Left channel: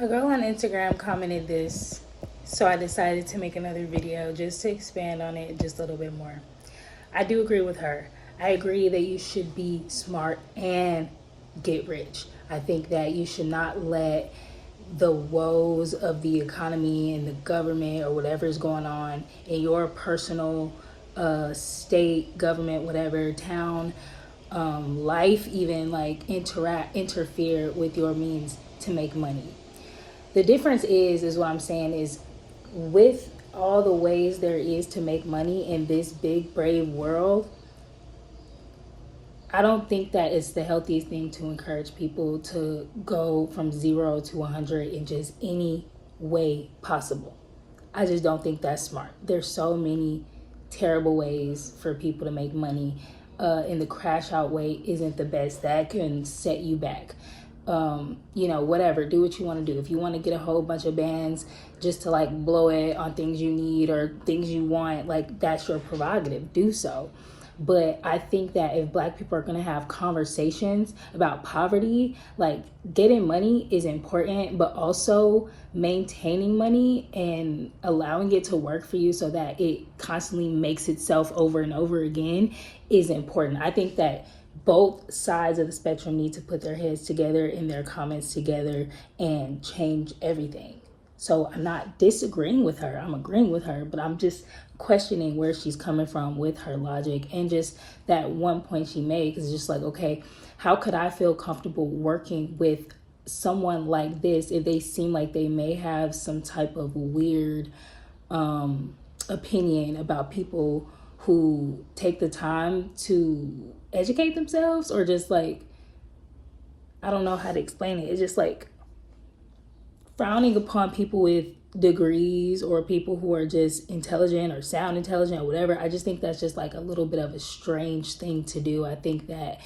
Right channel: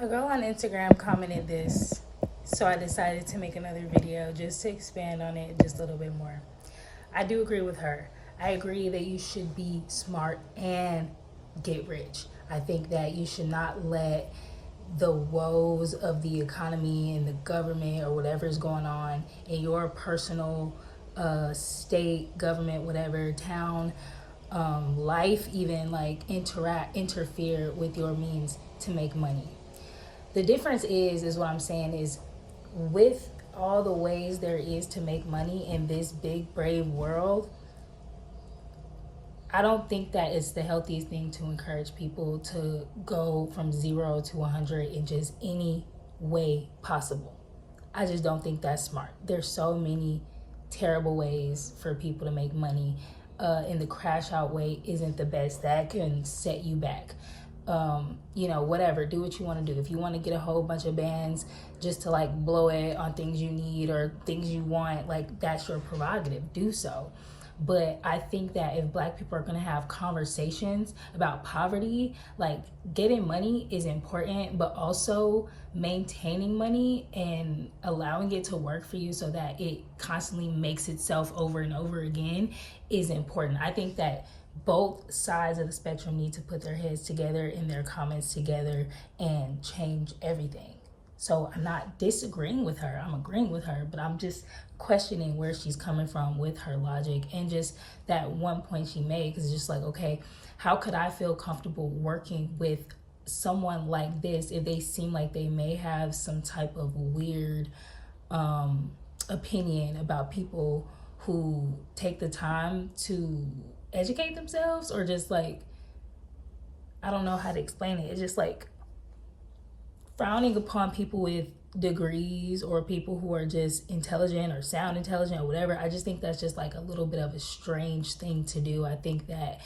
A girl on Instagram commented this, so I decided to make another video just to expand on it just a little bit more. I do agree with her. I agree that you should be smart and get rich. I think that you should not let the woes of the economy and the government or whatever is going on in your personal state, government, whatever, town, life, even like interfere with your means to make money. The difference is what I'm saying is, with all the ways there is to make money in this big brave world, I don't think that it's the healthiest thing to encourage people to go from 0 to 100 in just any way possible. I just don't think that's smart. There's so many terrible ways for people to make money, and the crash out way isn't the best. That can set you back. Whatever, do what you want to do. If you want to get a whole bunch of bands just to like blow it on things you need or things you want, like that's your prerogative, do so. But I think that if Black people are going to have conversations about poverty, like getting money is important, but also maintaining money and allowing it to work for you so that it constantly makes itself over and over again is important. I think that both sides of the spectrum need to put their heads together and their comments together and change everything. So I'm not disagreeing with her, I'm agreeing with her, but I'm just questioning where she's coming from with her logic and just that one point she made, because it's just like, okay, how could I feel comfortable working with someone like this if they seem like they may have some type of weird opinion about people who take the time to educate themselves, or just like, I don't know how to explain it. It's just like frowning upon people with degrees or people who are just intelligent or sound intelligent or whatever. I just think that's just like a little bit of a strange thing to do. I think that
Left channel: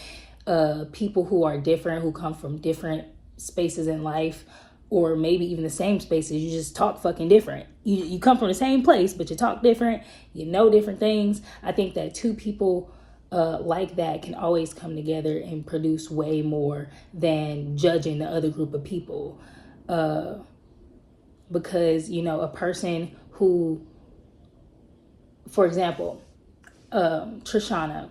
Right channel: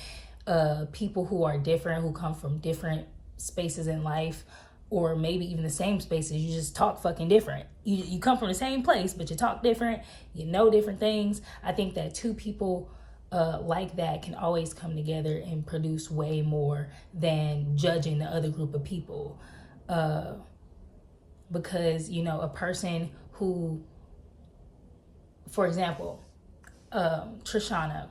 people who are different, who come from different spaces in life, or maybe even the same spaces, you just talk fucking different. You come from the same place, but you talk different, you know different things. I think that two people like that can always come together and produce way more than judging the other group of people. Because, a person who, for example, Trishana,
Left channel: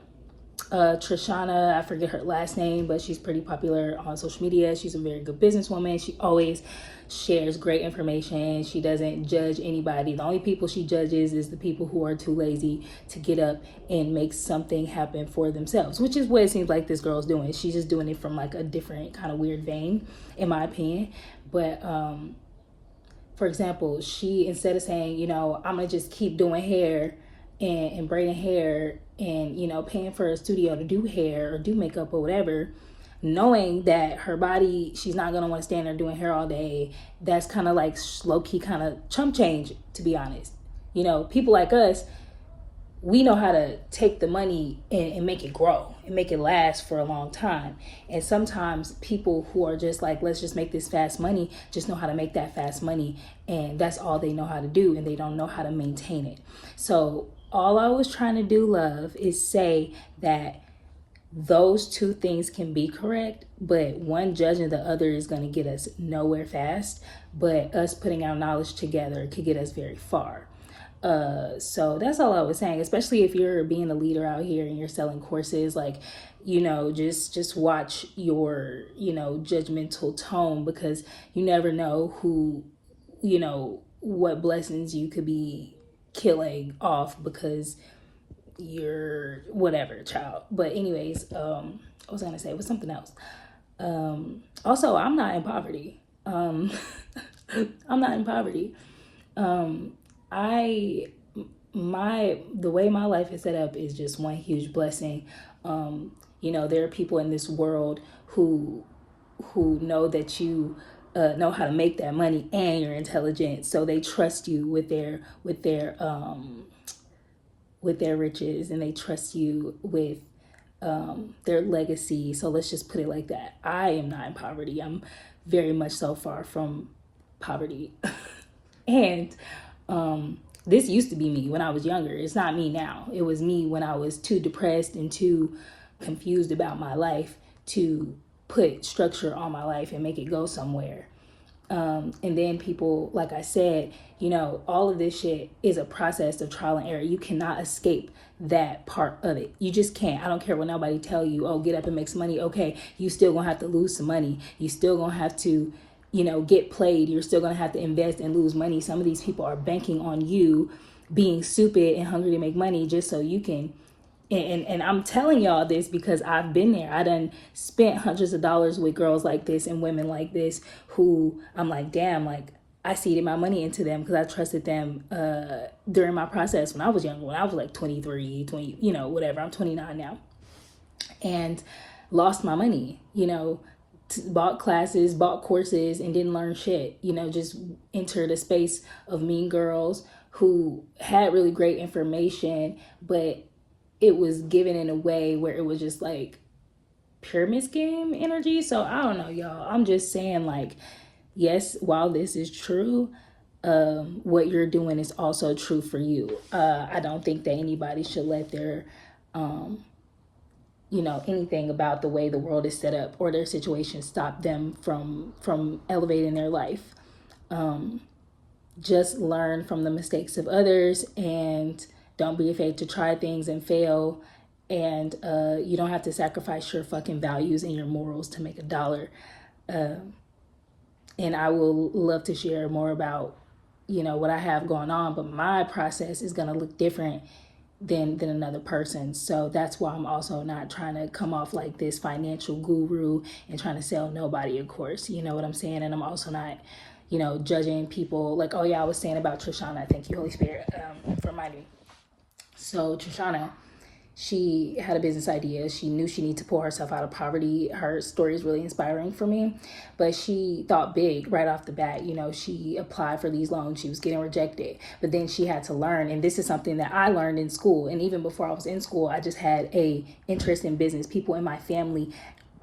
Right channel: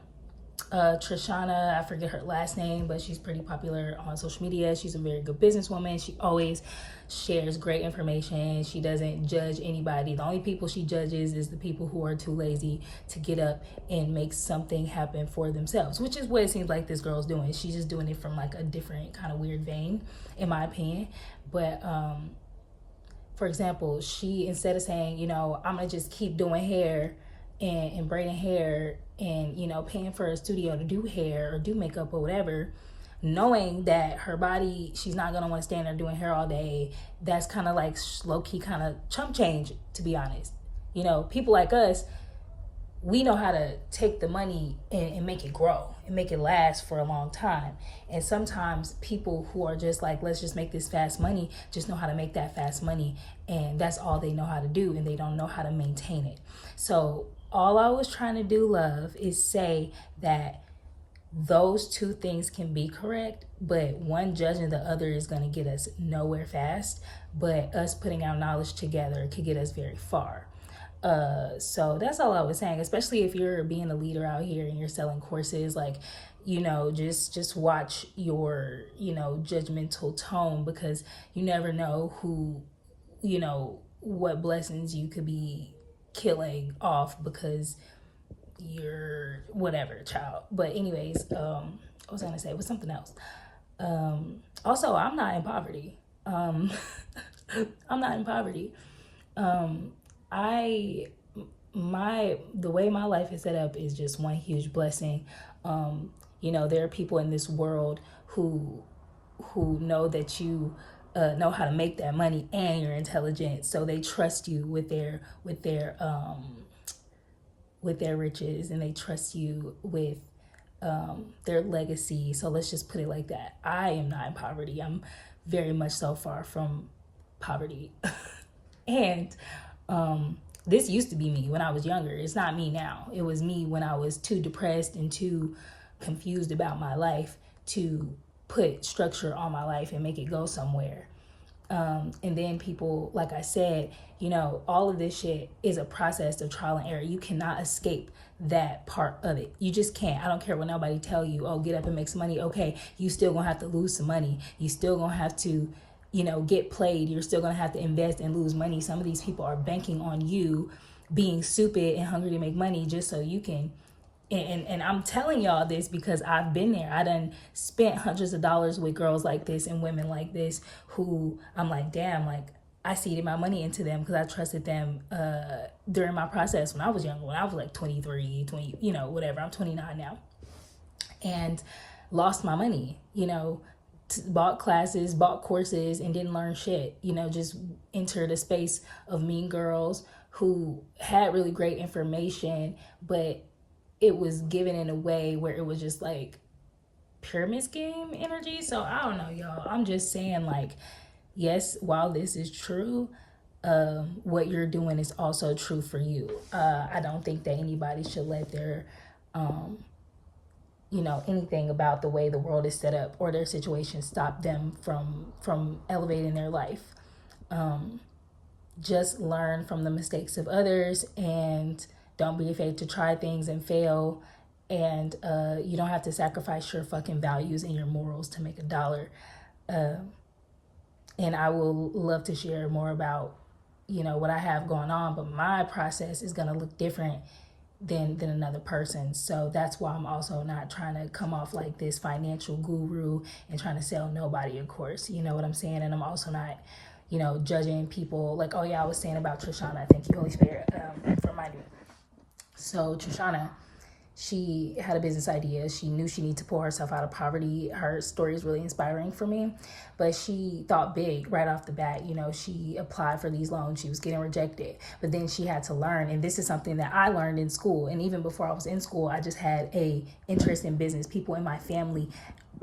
I forget her last name, but she's pretty popular on social media. She's a very good businesswoman. She always shares great information. She doesn't judge anybody. The only people she judges is the people who are too lazy to get up and make something happen for themselves, which is what it seems like this girl's doing. She's just doing it from like a different kind of weird vein, in my opinion. But for example, she, instead of saying, I'm gonna just keep doing hair and braiding hair and, paying for a studio to do hair or do makeup or whatever, knowing that her body, she's not gonna want to stand there doing hair all day, that's kind of like low-key kind of chump change, to be honest. People like us, we know how to take the money and make it grow and make it last for a long time. And sometimes people who are just like, let's just make this fast money, just know how to make that fast money. And that's all they know how to do. And they don't know how to maintain it. So all I was trying to do, love, is say that those two things can be correct, but one judging the other is going to get us nowhere fast. But us putting our knowledge together could get us very far. So that's all I was saying, especially if you're being a leader out here and you're selling courses, like, just watch your, judgmental tone, because you never know who, what blessings you could be killing off because you're whatever, child. But anyways, I was gonna say was something else. Also, I'm not in poverty. I'm not in poverty. The way my life is set up is just one huge blessing. There are people in this world who know that you know how to make that money and you're intelligent, so they trust you with their riches, and they trust you with their legacy. So let's just put it like that. I am not in poverty. I'm very much so far from poverty. And this used to be me when I was younger. It's not me now. It was me when I was too depressed and too confused about my life to put structure on my life and make it go somewhere. And then people, like I said, you know, all of this shit is a process of trial and error. You cannot escape that part of it. You just can't. I don't care what nobody tell you, oh, get up and make some money. Okay, you still gonna have to lose some money. You still gonna have to, you know, get played. You're still gonna have to invest and lose money. Some of these people are banking on you being stupid and hungry to make money just so you can. And I'm telling y'all this because I've been there. I done spent hundreds of dollars with girls like this and women like this who I'm like, damn, like I seeded my money into them because I trusted them during my process when I was younger, when I was like 23, 20, you know, whatever. I'm 29 now. And lost my money, you know, bought classes, bought courses, and didn't learn shit, you know, just entered a space of mean girls who had really great information, but it was given in a way where it was just like pyramid scheme energy. So I don't know, y'all. I'm just saying, like, yes, while this is true, what you're doing is also true for you. I don't think that anybody should let their, you know, anything about the way the world is set up or their situation stop them from elevating their life. Just learn from the mistakes of others and don't be afraid to try things and fail. And you don't have to sacrifice your fucking values and your morals to make a dollar. And I will love to share more about, you know, what I have going on, but my process is going to look different than another person. So that's why I'm also not trying to come off like this financial guru and trying to sell nobody a course. You know what I'm saying? And I'm also not, you know, judging people like, oh yeah, I was saying about Trishana. Thank you, Holy Spirit, for reminding me. So Trishana, she had a business idea. She knew she needed to pull herself out of poverty. Her story is really inspiring for me, but she thought big right off the bat. You know, she applied for these loans. She was getting rejected, but then she had to learn. And this is something that I learned in school. And even before I was in school, I just had a interest in business. People in my family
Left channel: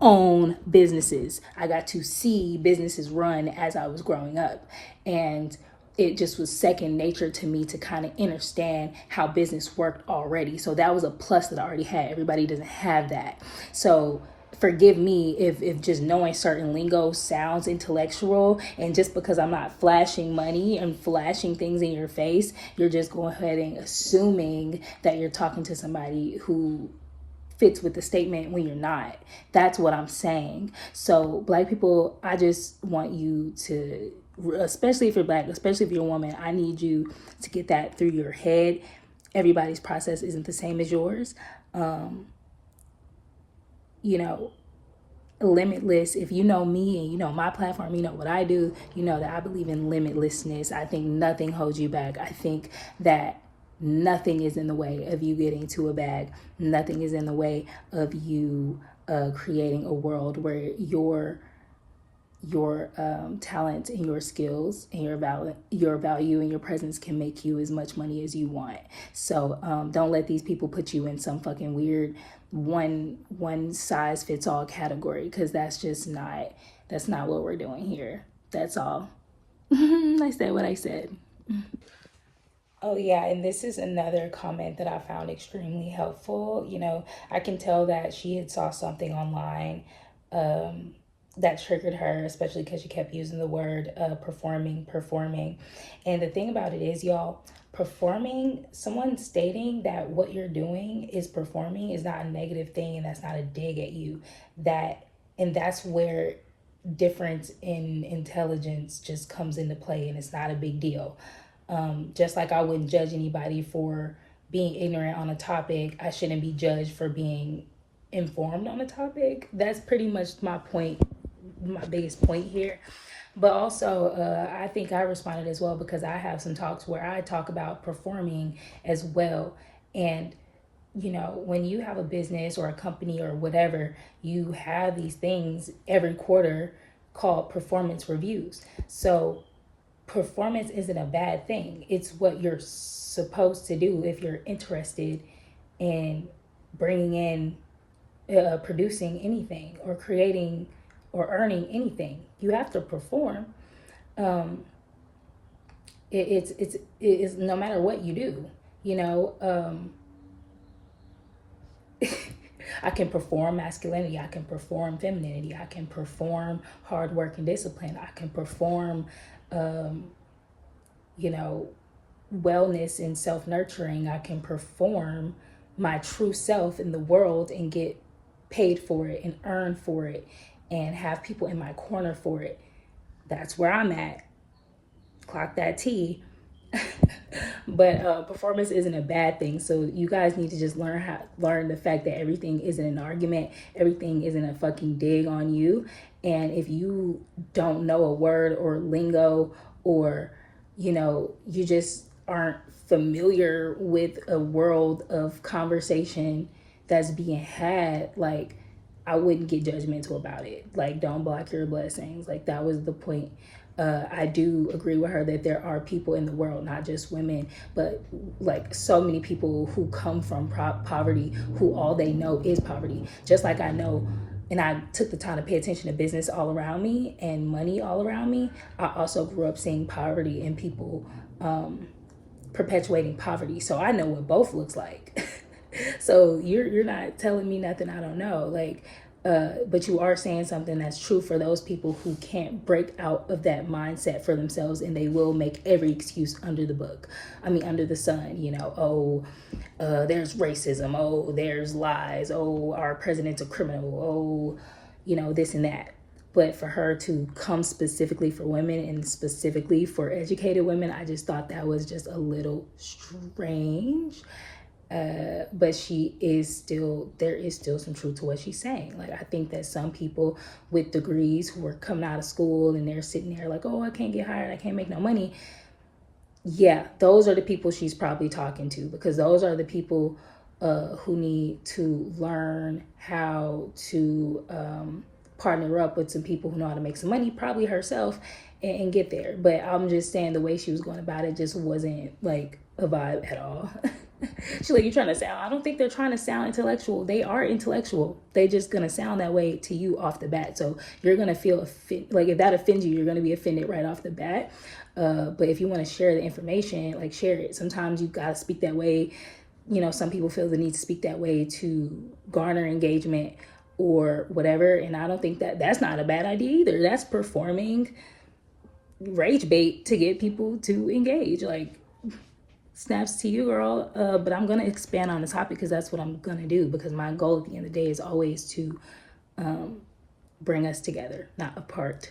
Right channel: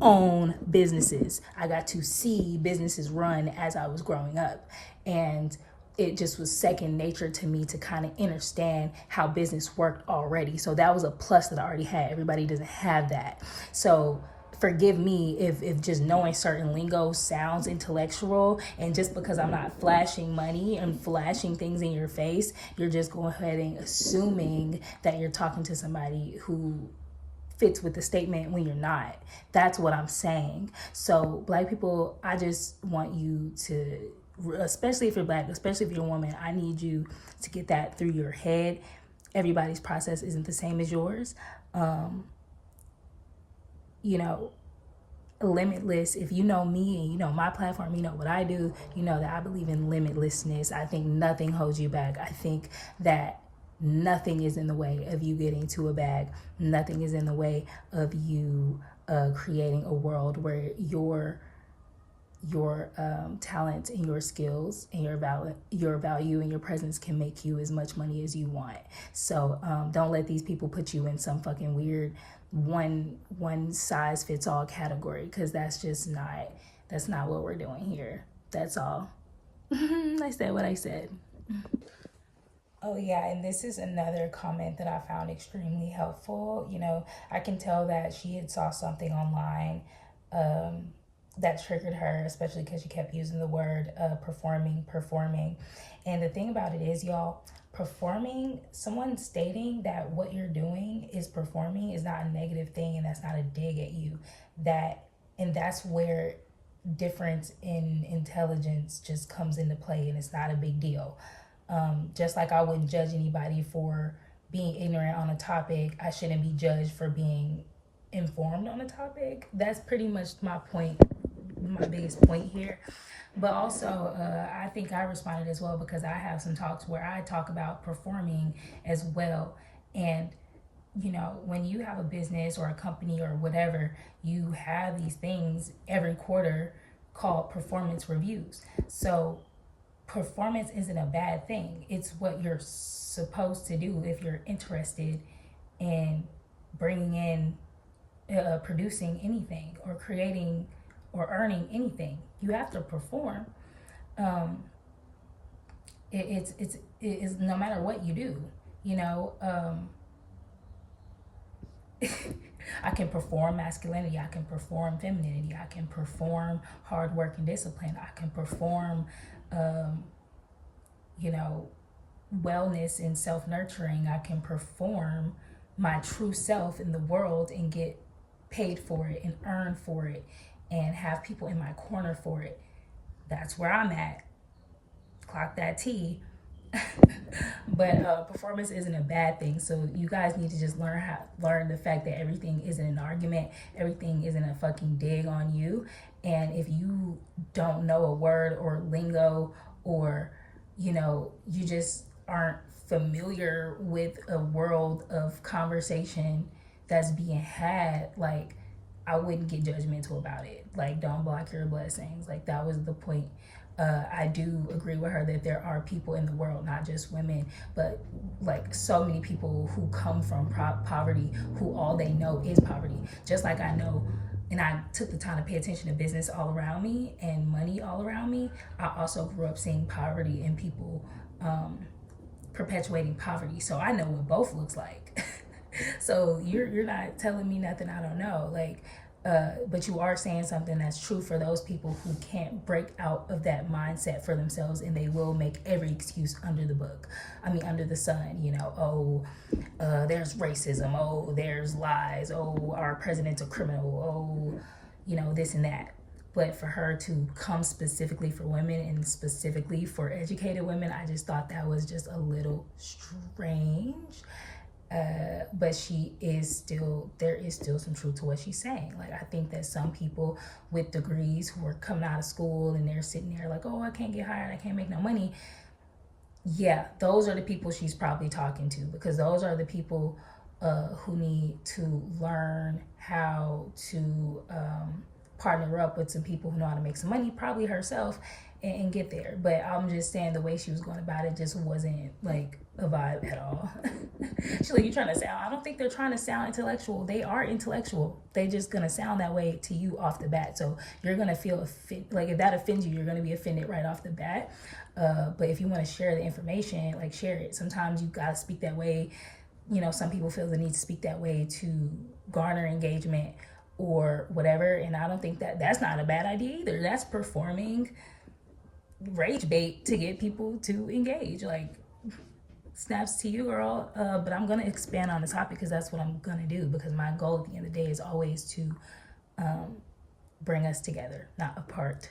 own businesses. I got to see businesses run as I was growing up. And it just was second nature to me to kind of understand how business worked already. So that was a plus that I already had. Everybody doesn't have that. So forgive me if just knowing certain lingo sounds intellectual, and just because I'm not flashing money and flashing things in your face, you're just going ahead and assuming that you're talking to somebody who fits with the statement when you're not. That's what I'm saying. So Black people, I just want you to, especially if you're Black, especially if you're a woman, I need you to get that through your head. Everybody's process isn't the same as yours. You know, limitless. If you know me and you know my platform, you know what I do, you know that I believe in limitlessness. I think nothing holds you back. I think that nothing is in the way of you getting to a bag. Nothing is in the way of you creating a world where your talent and your skills and your value and your presence can make you as much money as you want. So don't let these people put you in some fucking weird one size fits all category, because that's not what we're doing here. That's all. I said what I said. Oh, yeah, and this is another comment that I found extremely helpful. You know, I can tell that she had saw something online that triggered her, especially because she kept using the word performing. And the thing about it is, y'all, performing, someone stating that what you're doing is performing is not a negative thing, and that's not a dig at you. That's where difference in intelligence just comes into play, and it's not a big deal. Just like I wouldn't judge anybody for being ignorant on a topic, I shouldn't be judged for being informed on a topic. That's pretty much my point, my biggest point here. But also, I think I responded as well because I have some talks where I talk about performing as well. And, you know, when you have a business or a company or whatever, you have these things every quarter called performance reviews. So performance isn't a bad thing. It's what you're supposed to do if you're interested in bringing in, producing anything or creating or earning anything. You have to perform. It's no matter what you do, you know. I can perform masculinity. I can perform femininity. I can perform hard work and discipline. I can perform, you know, wellness and self-nurturing. I can perform my true self in the world and get paid for it and earn for it and have people in my corner for it. That's where I'm at. Clock that T. But performance isn't a bad thing. So you guys need to just learn the fact that everything isn't an argument. Everything isn't a fucking dig on you. And if you don't know a word or lingo, or you know, you just aren't familiar with a world of conversation that's being had, like, I wouldn't get judgmental about it. Like, don't block your blessings. Like, that was the point. I do agree with her that there are people in the world, not just women, but like so many people who come from poverty, who all they know is poverty. Just like I know, and I took the time to pay attention to business all around me and money all around me. I also grew up seeing poverty and people perpetuating poverty. So I know what both looks like. So you're not telling me nothing I don't know. Like, but you are saying something that's true for those people who can't break out of that mindset for themselves, and they will make every excuse under the book. I mean, under the sun, you know, there's racism. Oh, there's lies. Oh, our president's a criminal. Oh, you know, this and that. But for her to come specifically for women and specifically for educated women, I just thought that was just a little strange. But there is still some truth to what she's saying. Like, I think that some people with degrees who are coming out of school and they're sitting there like, oh, I can't get hired, I can't make no money. Yeah, those are the people she's probably talking to, because those are the people who need to learn how to partner up with some people who know how to make some money, probably herself, and get there. But I'm just saying the way she was going about it just wasn't like a vibe at all. She's like, you trying to sound, I don't think they're trying to sound intellectual. They are intellectual. They just gonna sound that way to you off the bat. So you're gonna feel like if that offends you, you're gonna be offended right off the bat. But if you want to share the information, like, share it. Sometimes you gotta speak that way. You know, some people feel the need to speak that way to garner engagement or whatever. And I don't think that's not a bad idea either. That's performing rage bait to get people to engage. Like, snaps to you, girl. But I'm gonna expand on the topic because that's what I'm gonna do, because my goal at the end of the day is always to bring us together, not apart.